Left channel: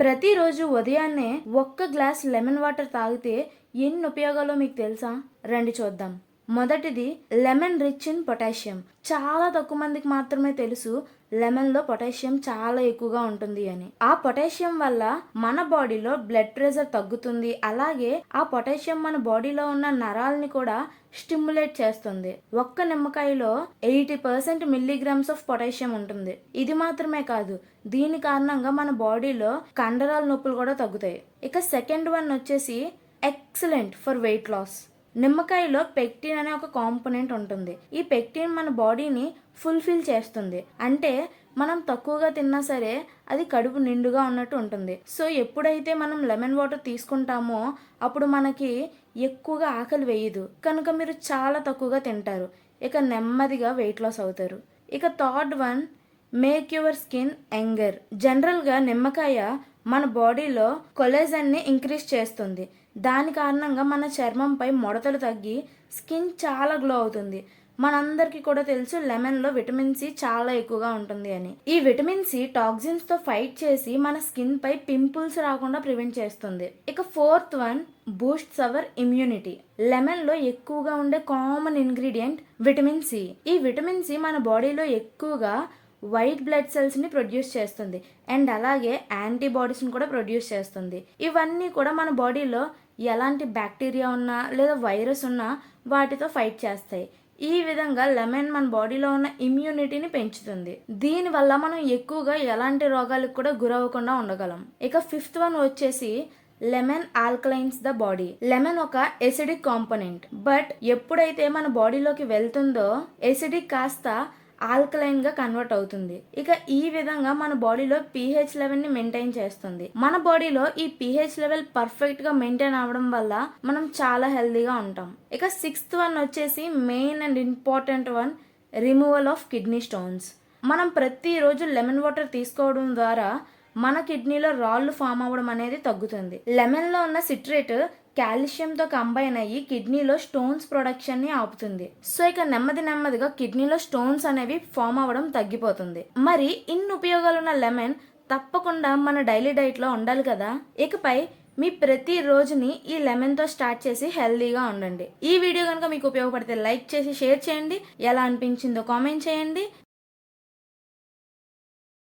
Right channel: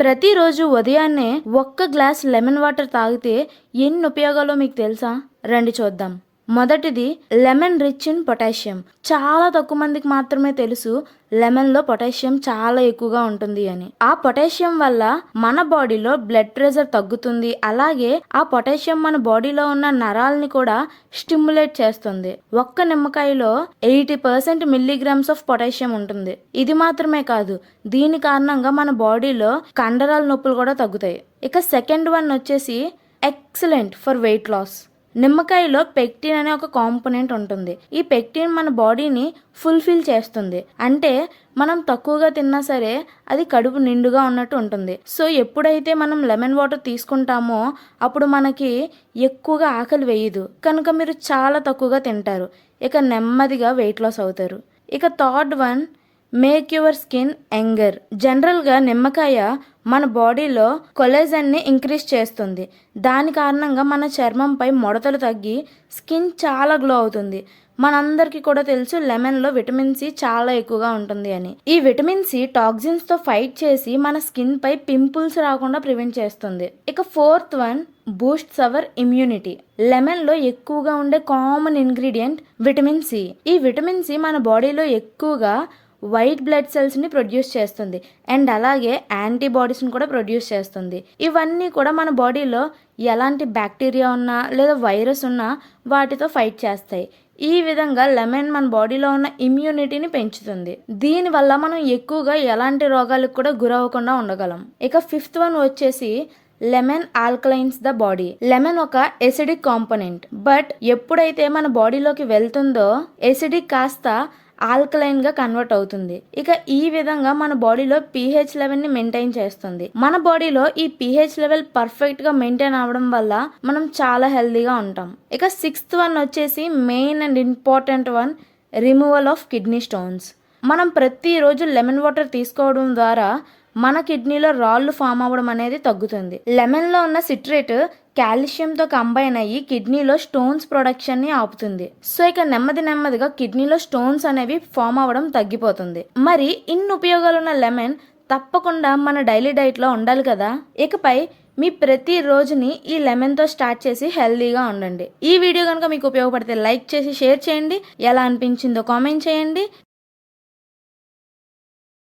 ప్రతిరోజు ఉదయాన్నే ఒక్క గ్లాస్ లెమన్ వాటర్ తాగితే ఎన్ని ఉపయోగాలో మీకు తెలుసా? రండి చూద్దాం. మొదటిది, లెమన్ రిచ్ ఇన్ పొటాషియం. చాలా తక్కువ మందికి మాత్రమే తెలుసు లెమన్లో పొటాషియం చాలా ఎక్కువగా ఉంటుంది అని. ఆ పొటాషియం వల్ల మన బాడీలో బ్లడ్ ప్రెషర్ తగ్గుతుంది. అలాగే ఆ పొటాషియం మన బాడీలో ఉన్న నరాలని కూడా స్టిమ్యులేట్ చేస్తుంది. ఒక్క నిమ్మకాయలో 80% మిల్లీగ్రామ్స్ ఆఫ్ పొటాషియం ఉంటుంది. ఇది మాత్రమే కాదు, దీని కారణంగా మన బాడీలో కండరాల నొప్పులు కూడా తగ్గుతాయి. ఇక సెకండ్ వన్ వచ్చేసి ఎక్సలెంట్ ఫర్ వెయిట్ లాస్. నిమ్మకాయలో పెక్టిన్ అనే ఒక కాంపోనెంట్ ఉంటుంది. ఈ పెక్టిన్ మన బాడీని ఫుల్ఫిల్ చేస్తుంది. అంటే మనం తక్కువగా తిన్నా సరే అది కడుపు నిండుగా ఉన్నట్టు ఉంటుంది. సో ఎప్పుడైతే మనం లెమన్ వాటర్ తీసుకుంటామో అప్పుడు మనకి ఎక్కువగా ఆకలి వేయదు, కనుక మీరు చాలా తక్కువగా తింటారు. ఇక నెమ్మదిగా వెయిట్ లాస్ అవుతారు. ఇక third one, make your skin younger. జనరల్గా నిమ్మకాయ మన బాడీలో కొలేజన్ని ఇంక్రీజ్ చేస్తుంది. దాని కారణంగా మన చర్మంపై ముడతలు తగ్గి స్కిన్ చాలా గ్లో అవుతుంది. మనందరికీ కూడా తెలుసు లెమన్లో విటమిన్ సి చాలా ఎక్కువగా ఉంటుంది అని. ఈ విటమిన్ సి టాక్సిన్స్తో ఫైట్ చేసి మన స్కిన్ పై పింపుల్స్ రాకుండా ప్రివెంట్ చేస్తుంది. ఇక fourth one, boosts our immunity. లెమన్లో ఎక్కువగా ఉండే కామన్ ఇంగ్రీడియంట్ విటమిన్ సి. ఈ విటమిన్ సి మన బాడీలో ఎక్కువగా వైట్ బ్లడ్ సెల్స్ని ప్రొడ్యూస్ చేస్తుంది అండ్ అలాగే యాంటీబాడీస్ని కూడా ప్రొడ్యూస్ చేస్తుంది. ఇవన్నీ కూడా మన బాడీలో ఎలాంటి బ్యాక్టీరియా ఉన్నా లేదా వైరస్ ఉన్నా వాటితో ఫైట్ చేస్తాయి. ఈ విధంగా లెమన్ మన బాడీలో ఉన్న ఇమ్యూనిటీని పెంచుతుంది. దీనివల్ల మనం ఎక్కువగా ఎలాంటి రోగాలకు కూడా గురవ్వకుండా ఉండగలం. ఇక ఫిఫ్త్ వన్ వచ్చేసి lemon alkalines the body. Lemon ఒక ఎసిడిక్ కాంపోనెంట్, బట్ ఎప్పుడైతే మన బాడీలోకి వెళ్తుందో ఎసిడిక్ కాస్త ఆల్కలైన్ గా కన్వర్ట్ అవుతుంది. ఇక ఈ విధంగా మన బాడీలో pH లెవెల్ ని మెయింటైన్ చేస్తుంది. మన బాడీలో ఈ pH లెవెల్ పర్ఫెక్ట్ గా మెయింటైన్ అవడం వల్ల మనం చాలా హెల్దీగా ఉంటాం. ఇక సిక్స్త్ వన్ వచ్చేసి main and important one, removal of kidney stones. మనం ప్రతిరోజు లెమన్ వాటర్ తీసుకోవడం ద్వారా మన కిడ్నీలో రాళ్ళు ఫామ్ అవ్వడం అనేది తగ్గుతుంది. లెమన్లో ఉన్న సిట్రేట్ కాల్షియంతో కంబైన్ అయ్యి కిడ్నీలో స్టోన్స్ ప్రొడక్షన్ని ఆపుతుంది. సో ఇక నెమ్మదిగా కిడ్నీలో స్టోన్స్ అనేవి ఫామ్ అవ్వడం తగ్గిపోతుంది. మరి ఇన్ని ఉపయోగాలున్న లెమన్ తప్పకుండా మన డైలీ డైట్లో ఉండాలి కదా. ఇకపై మీ ప్రతి రోజుని ఈ లెమన్తో స్టార్ట్ చేసి హెల్దీగా ఉండండి. ఈ వీడియో కనుక మీకు ఉపయోగపడితే లైక్ చేసి షేర్ చేయండి. ఎలా అనిపించిందో కామెంట్ చేయండి.